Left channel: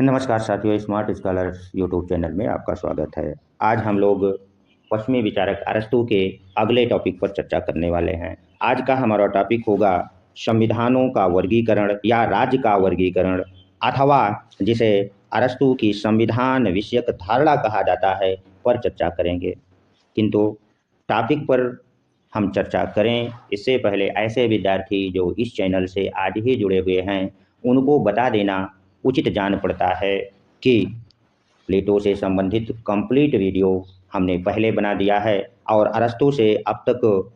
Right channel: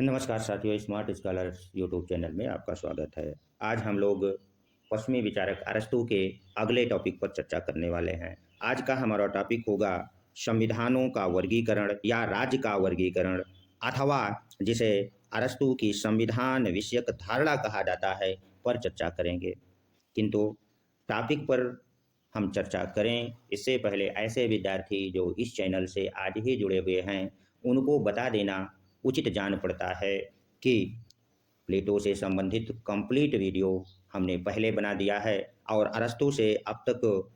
नमस्कार साथियों, smart scholars YouTube channel में आपका स्वागत है। आज हम लोग पश्चिमी विचारक अरस्तू के अगले टॉपिक पर चर्चा करने वाले हैं। आज का हमारा टॉपिक होगा संविधानों का वर्गीकरण या राज्य का वर्गीकरण, अथवा जिसे अरस्तू की संविधान विषयक धारणा कहा जाता है, पर चर्चा करेंगे। किंतु टॉपिक पर हम चर्चा करें इससे पहले ऐसे विद्यार्थी जो इस चैनल से आज ही जुड़े हुए हैं, उनको बता देना उचित जान पड़ता है कि प्लेटो से संबंधित कंप्लीट वीडियो हमने पहले बना दिया है और अरस्तू से अब तक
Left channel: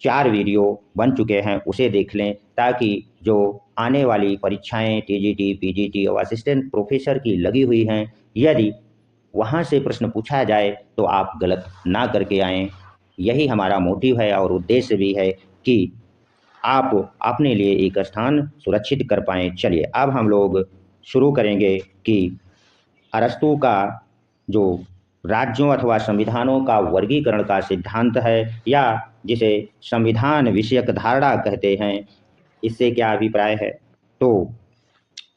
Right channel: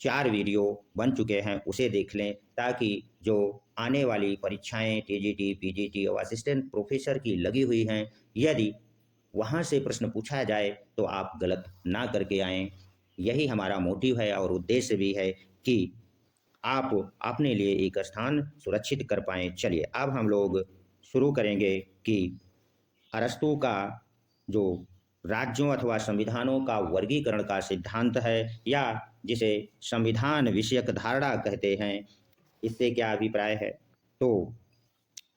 4 वीडियो बन चुके हैं, उसे देख लें ताकि जो आने वाली परीक्षाएं टीजीटी, पीजीटी और असिस्टेंट प्रोफेसर की लगी हुई हैं, यदि वहाँ से प्रश्न पूछा जाए तो आप गलत ना करके आएँ। यही हमारा मोटिव है और उद्देश्य भी है कि आप अपने लिए एक स्थान सुरक्षित कर पाएँ। चलिए अब हम लोग शुरू करेंगे कि अरस्तू का जो राज्यों अथवा संविधानों का वर्गीकरण का सिद्धांत है या जिसे संविधान विषयक धारणा कहते हैं, इससे क्या अभिप्राय है। तो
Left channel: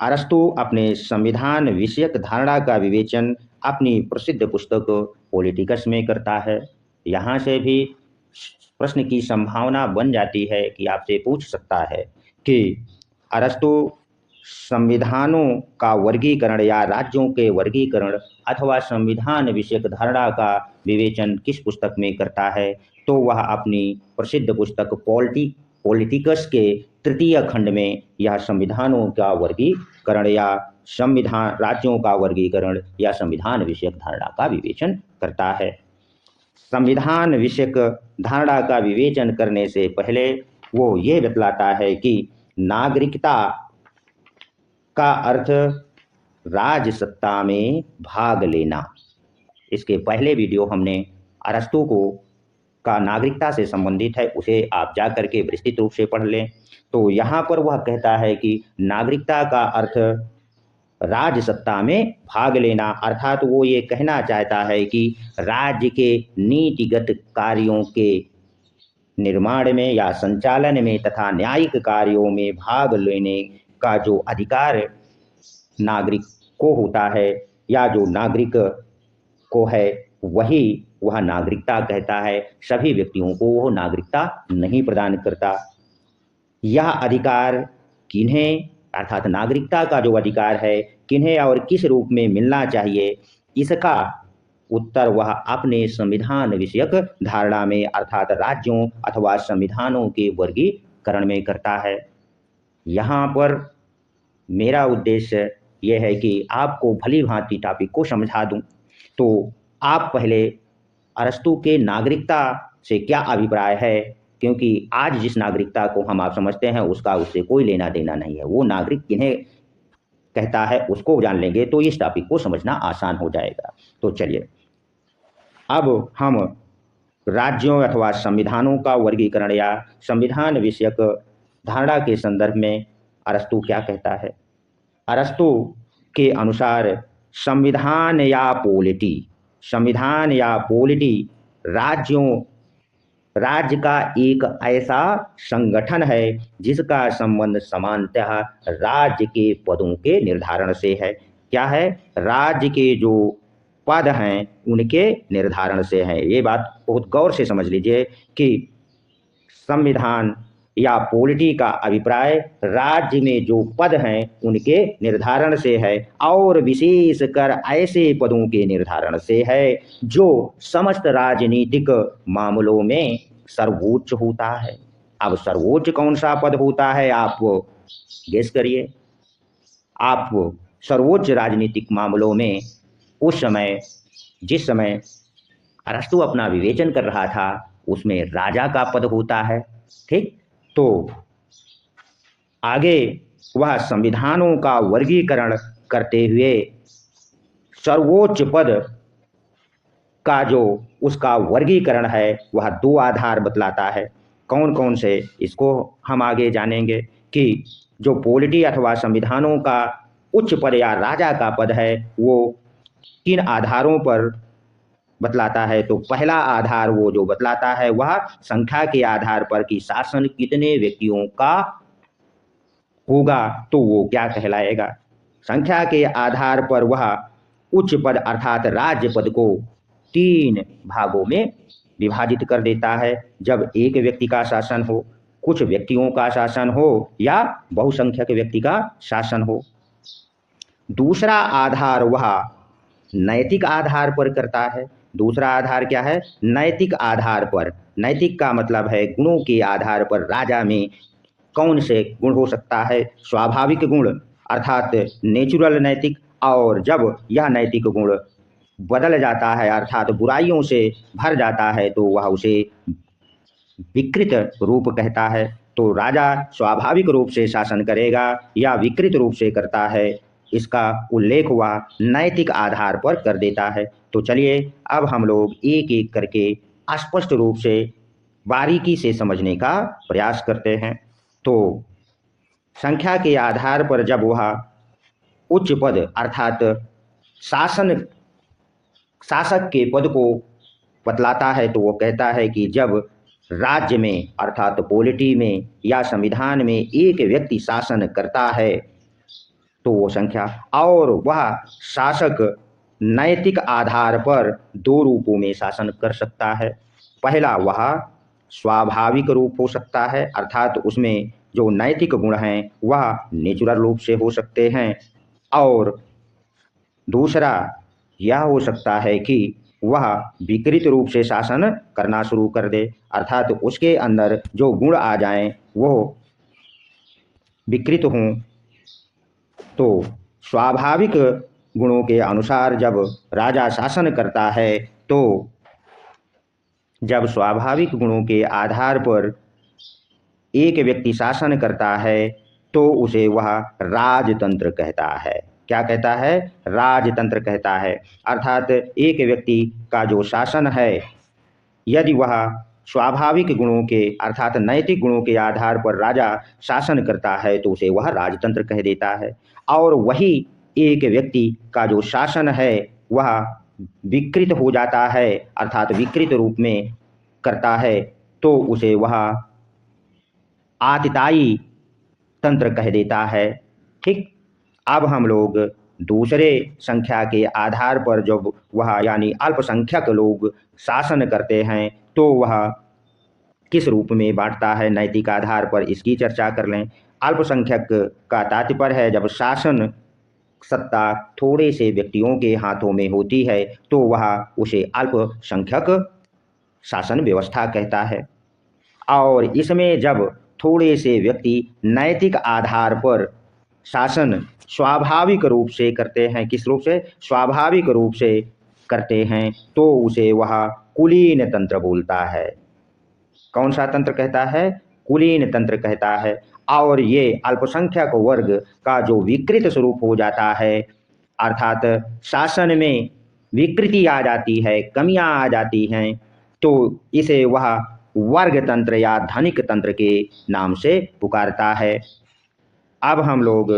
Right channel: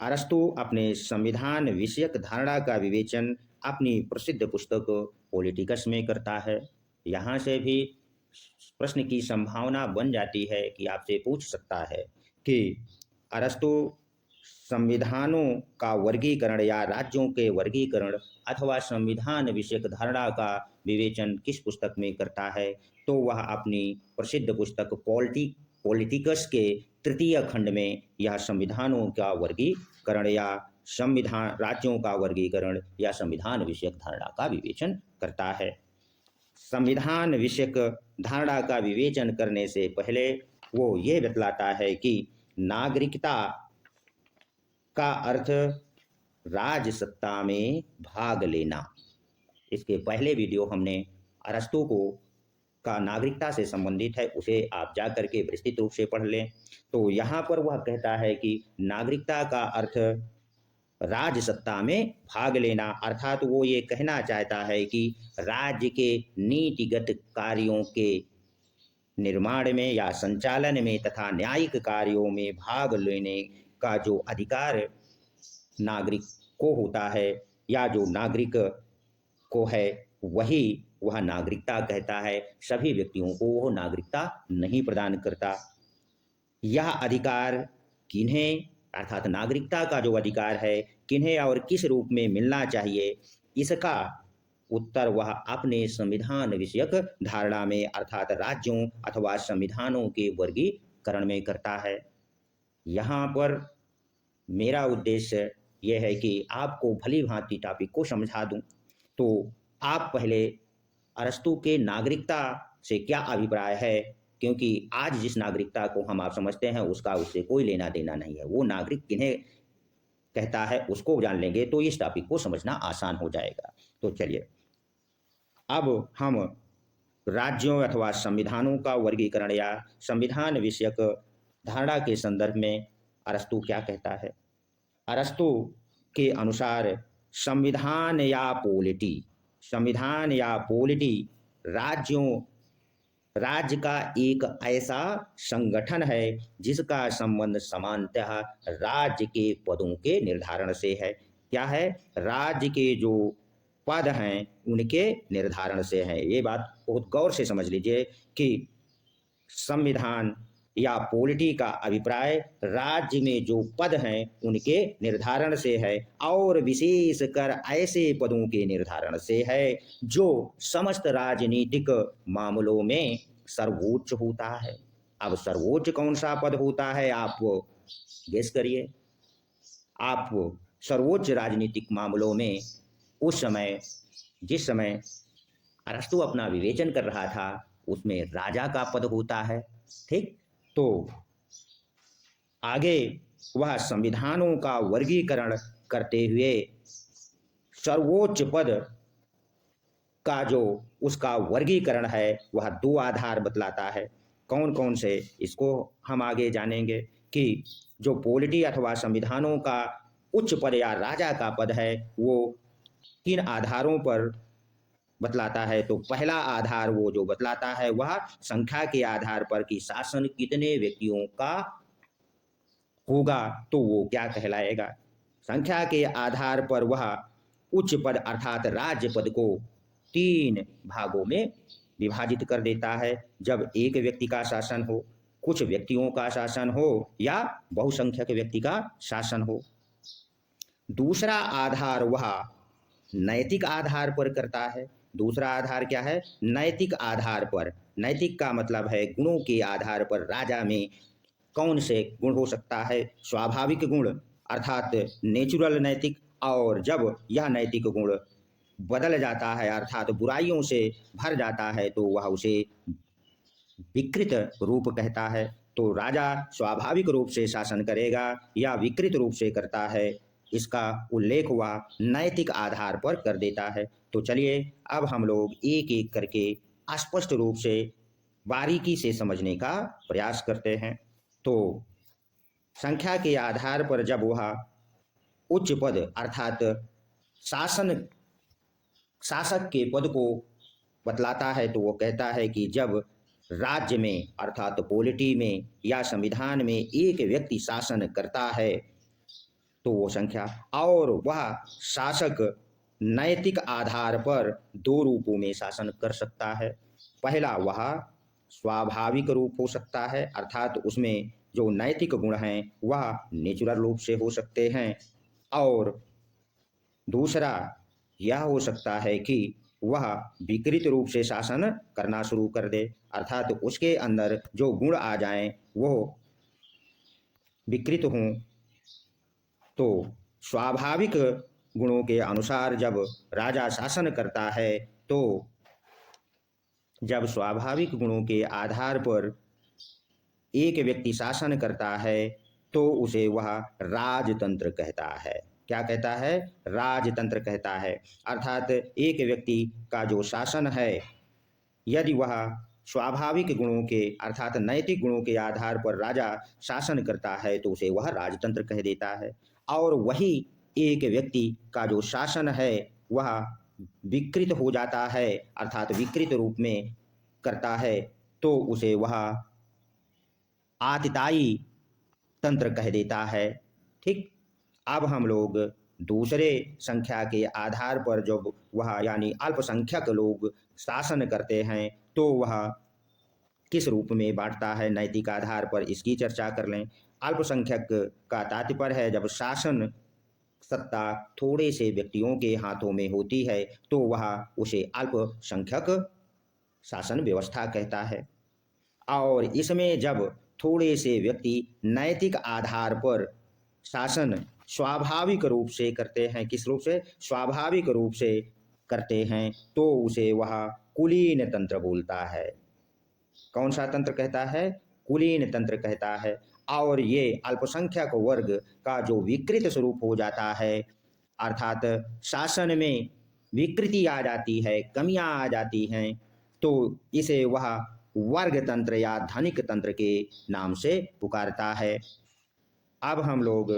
अरस्तू अपने संविधान विषयक धारणा का विवेचन अपनी प्रसिद्ध पुस्तक पॉलिटिकस में करता है। यहाँ से भी प्रश्न की संभावना बन जाती है कि आपसे पूछ सकता है कि अरस्तू संविधानों का वर्गीकरण या राज्यों के वर्गीकरण अथवा संविधान विषयक धारणा का विवेचन किस पुस्तक में करता है, तो वह अपनी प्रसिद्ध पुस्तक पॉलिटिकस के तृतीय खंड में यह संविधानों का वर्गीकरण या संविधान राज्यों का वर्गीकरण या संविधान विषयक धारणा का विवेचन करता है। संविधान विषयक धारणा का विवेचन करने से पहले वो ये बतलाता है कि नागरिकता का अर्थ राजसत्ता में भाग लेना। इसके पहले वीडियो हमने अरस्तू को का नागरिकता से संबंधित है, उसे आप जा करके विस्तृत रूप से पढ़ लें। तो यहाँ पर वह कहता है कि नागरिकता का अर्थ राजसत्ता में भाग लेना, अर्थात वो ये कहना चाहता है कि राज्य के नीतिगत कार्यों के निर्माण में या संचालन में तथा न्यायिक कार्यों में भाग लेने का जो अधिकार नागरिक को होता है या जो नागरिक को है, वही वह नागरिकता कहता है। सभी व्यक्तियों को वह नागरिकता नहीं प्रदान करता। यह अधिकार किन्हें, अर्थात नागरिकता का जो अधिकार है, किन्हें और किस रूप में मिलना चाहिए, इसका उत्तर वह अपने संविधान विषयक धारणा में अर्थात राज्यों अथवा संविधानों के वर्गीकरण में करता है। यहाँ पर मेरा उद्देश्य यह है कि आपको भली भांति टॉपिक को समझा दूं। तो आप पहले अरस्तू के नागरिकता से क्या अभिप्राय है, क्योंकि आज जिस नागरिकता को हम आप समझते हैं उसका उससे कोई लेना देना नहीं है। वो नागरिक किन्हें कहता है उसको जान लेंगे तो इस टॉपिक को समझना आसान हो जाएगा। तो चलिए अब हम राज्यों अथवा संविधानों का वर्गीकरण या संविधान विषयक धारणा के संदर्भ में अरस्तू क्या कहता है। अरस्तू के अनुसार संविधान या पॉलिटी राज्य का एक ऐसा संगठन है जिसका संबंध समानतः राज्य के पदों के निर्धारण से है। क्या है? राज्य के जो पद हैं उनके निर्धारण से है। ये बात बहुत गौर से समझ लीजिए कि संविधान या पॉलिटी का अभिप्राय राज्य में जो पद हैं उनके निर्धारण से है और विशेषकर ऐसे पदों के निर्धारण से है जो समस्त राजनीतिक मामलों में सर्वोच्च होता है। अब सर्वोच्च कौन सा पद होता है, आप गेस करिए। आप सर्वोच्च राजनीतिक मामलों में उस समय जिस समय अरस्तू अपना विवेचन कर रहा था उसमें राजा का पद होता है। ठीक, तो आगे वह संविधानों का वर्गीकरण करते हुए सर्वोच्च पद का जो उसका वर्गीकरण है वह 2 आधार बतलाता है। कौन कौन से, इसको हम आगे जानेंगे कि जो पॉलिटी अथवा संविधानों का उच्च पद या राजा का पद है वो किन आधारों पर बतलाता है। तो पहला आधार वो जो बतलाता है वह संख्या के आधार पर कि शासन कितने व्यक्तियों का होगा तो वो क्या कहलाएगा। संख्या के आधार पर वह उच्च पद अर्थात राज्य पद को 3 भागों में विभाजित कर देता है। जब एक व्यक्ति का शासन हो, कुछ व्यक्तियों का शासन हो या बहुसंख्यक व्यक्ति का शासन हो। दूसरा आधार वह नैतिक आधार पर करता है। दूसरा आधार क्या है? नैतिक आधार पर। नैतिक का मतलब है गुणों के आधार पर राजा में कौन से गुण हो सकता है? स्वाभाविक गुण अर्थात नेचुरल नैतिक, और जब यह नैतिक गुण बदल जाता है अर्थात बुराइयों से भर जाता है तो वह उसे विकृत रूप कहता है। तो राजा स्वाभाविक रूप से शासन करेगा या विकृत रूप से करता है, इसका उल्लेख हुआ नैतिक आधार पर कर देता है। तो चलिए अब हम लोग एक एक करके स्पष्ट रूप से बारीकी से समझने का प्रयास करते हैं। तो संख्या के आधार पर जब वह उच्च पद अर्थात शासक के पद को बतलाता है तो वो कहता है कि जब राज्य में अर्थात पॉलिटी में या संविधान में एक व्यक्ति शासन करता है तो वो संख्या, और वह शासक नैतिक आधार पर 2 रूपों में शासन कर सकता है। पहला वह स्वाभाविक रूप हो सकता है अर्थात उसमें जो नैतिक गुण हैं वह नेचुरल रूप से हो सकते हैं, और दूसरा यह हो सकता है कि वह विकृत रूप से शासन करना शुरू कर दे अर्थात उसके अंदर जो गुण आ जाएं वो विकृत हों। तो स्वाभाविक गुणों के अनुसार जब राजा शासन करता है तो जब स्वाभाविक गुणों के आधार पर एक व्यक्ति शासन करता है तो उसे वह राजतंत्र कहता है। क्या कहता है? राजतंत्र कहता है। अर्थात एक व्यक्ति का जो शासन है यदि वह स्वाभाविक गुणों के अर्थात नैतिक गुणों के आधार पर राजा शासन करता है तो उसे वह राजतंत्र कह देता है, और वही एक व्यक्ति का जो शासन है वह विकृत हो जाता है अर्थात विकृत रूप में करता है तो उसे वह आततायी तंत्र कह देता है। ठीक, अब हम लोग दूसरे संख्या के आधार पर जब वह यानी अल्पसंख्यक लोग शासन करते हैं तो वह किस रूप में बांटता है नैतिक आधार पर, इसकी चर्चा कर लें। अल्पसंख्यक का तात्पर्य है जब शासन सत्ता थोड़े से व्यक्तियों के हाथों में होती है तो वह उसे अल्पसंख्यक शासन व्यवस्था कहता है, और इसमें जब थोड़े से व्यक्ति नैतिक आधार पर शासन स्वाभाविक रूप से करते हैं, किस रूप से? स्वाभाविक रूप से करते हैं तो उसे वह कुलीन तंत्र बोलता है। कौन सा तंत्र कहता है? कुलीन तंत्र कहता है। और ये अल्पसंख्यक वर्ग का जो विकृत स्वरूप हो जाता है अर्थात शासन में विकृति आ जाती है, कमियां आ जाती हैं, तो इसे वह वर्ग तंत्र या धनिक तंत्र के नाम से पुकारता है। अब हम लोग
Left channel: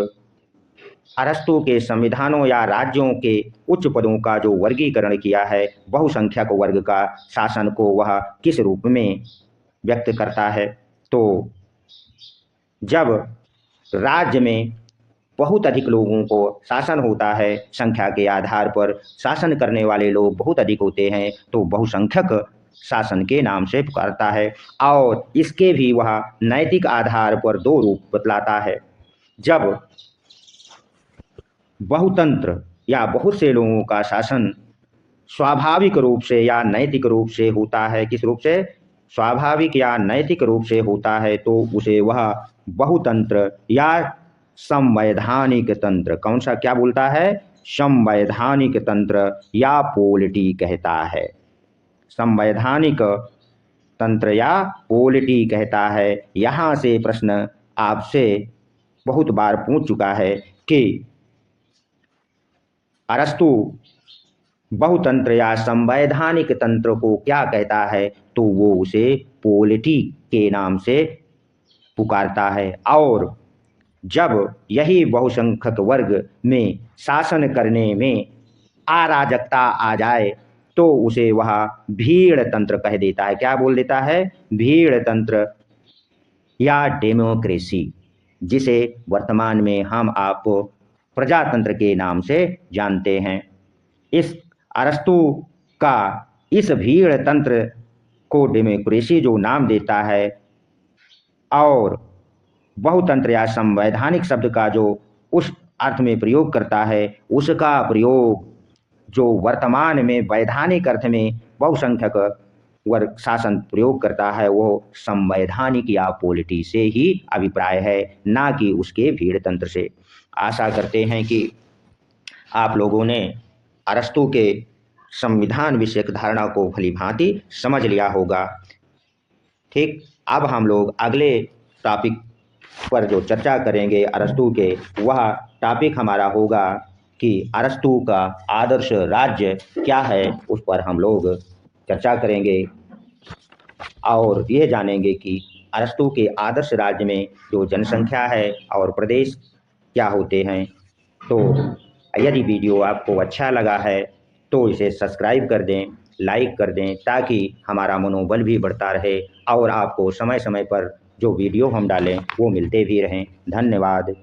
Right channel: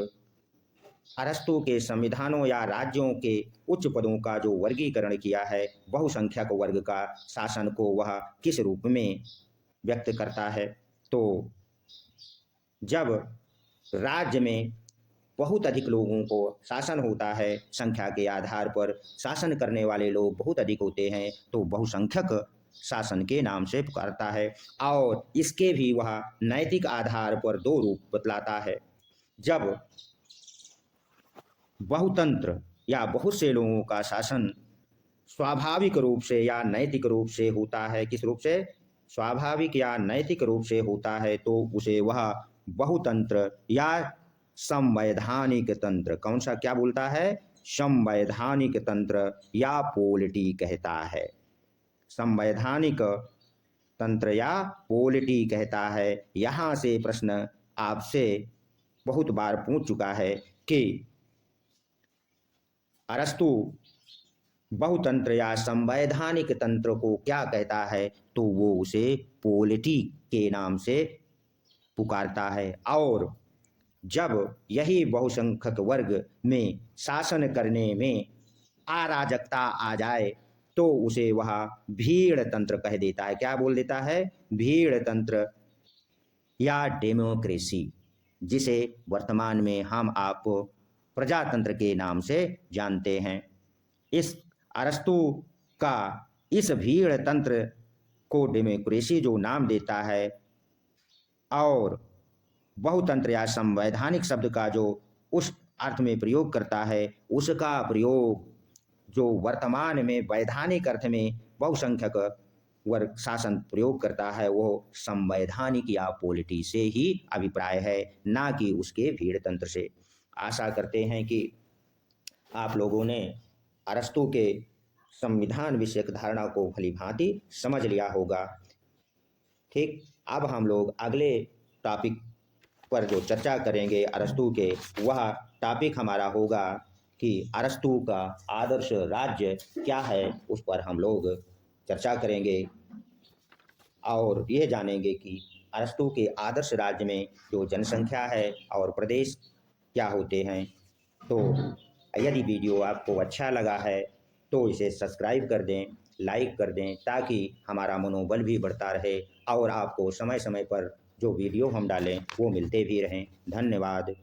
अरस्तु के संविधानों या राज्यों के उच्च पदों का जो वर्गीकरण किया है, बहुसंख्यक वर्ग का शासन को वह किस रूप में व्यक्त करता है? तो जब राज्य में बहुत अधिक लोगों को शासन होता है, संख्या के आधार पर शासन करने वाले लोग बहुत अधिक होते हैं तो बहुसंख्यक शासन के नाम से पुकारता है, और इसके भी वह नैतिक आधार पर 2 रूप बतलाता है। जब बहुतंत्र या बहुत से लोगों का शासन स्वाभाविक रूप से या नैतिक रूप से होता है, किस रूप से? स्वाभाविक या नैतिक रूप से होता है तो उसे वह बहुतंत्र या संवैधानिक तंत्र, कौन सा क्या बोलता है? संवैधानिक तंत्र या पोलिटी कहता है। संवैधानिक तंत्र या पोलिटी कहता है। यहाँ से प्रश्न आपसे बहुत बार पूछ चुका है कि अरस्तु बहुतंत्र या संवैधानिक तंत्र को क्या कहता है, तो वो उसे पोलिटी के नाम से पुकारता है, और जब यही बहुसंख्यक वर्ग में शासन करने में अराजकता आ जाए तो उसे वह भीड़ तंत्र कह देता है। क्या बोल देता है? भीड़ तंत्र या डेमोक्रेसी, जिसे वर्तमान में हम आप प्रजातंत्र के नाम से जानते हैं। इस अरस्तु का इस भीड़ तंत्र को डेमोक्रेसी जो नाम देता है और बहुतंत्र या संवैधानिक शब्द का जो उस अर्थ में प्रयोग करता है, उसका प्रयोग जो वर्तमान में वैधानिक अर्थ में बहुसंख्यक वर्ग शासन प्रयोग करता है, वो संवैधानिक या पॉलिटी से ही अभिप्राय है, ना कि उसके भीड़ तंत्र से। आशा करते हैं कि आप लोगों ने अरस्तु के संविधान विषयक धारणा को भलीभांति समझ लिया होगा। ठीक, अब हम लोग अगले टॉपिक पर जो चर्चा करेंगे अरस्तु के, वह टॉपिक हमारा होगा कि अरस्तु का आदर्श राज्य क्या है, उस पर हम लोग चर्चा करेंगे और यह जानेंगे कि अरस्तु के आदर्श राज्य में जो जनसंख्या है और प्रदेश क्या होते हैं। तो यदि वीडियो आपको अच्छा लगा है तो इसे सब्सक्राइब कर दें, लाइक कर दें, ताकि हमारा मनोबल भी बढ़ता रहे और आपको समय समय पर जो वीडियो हम डालें वो मिलते भी रहें। धन्यवाद।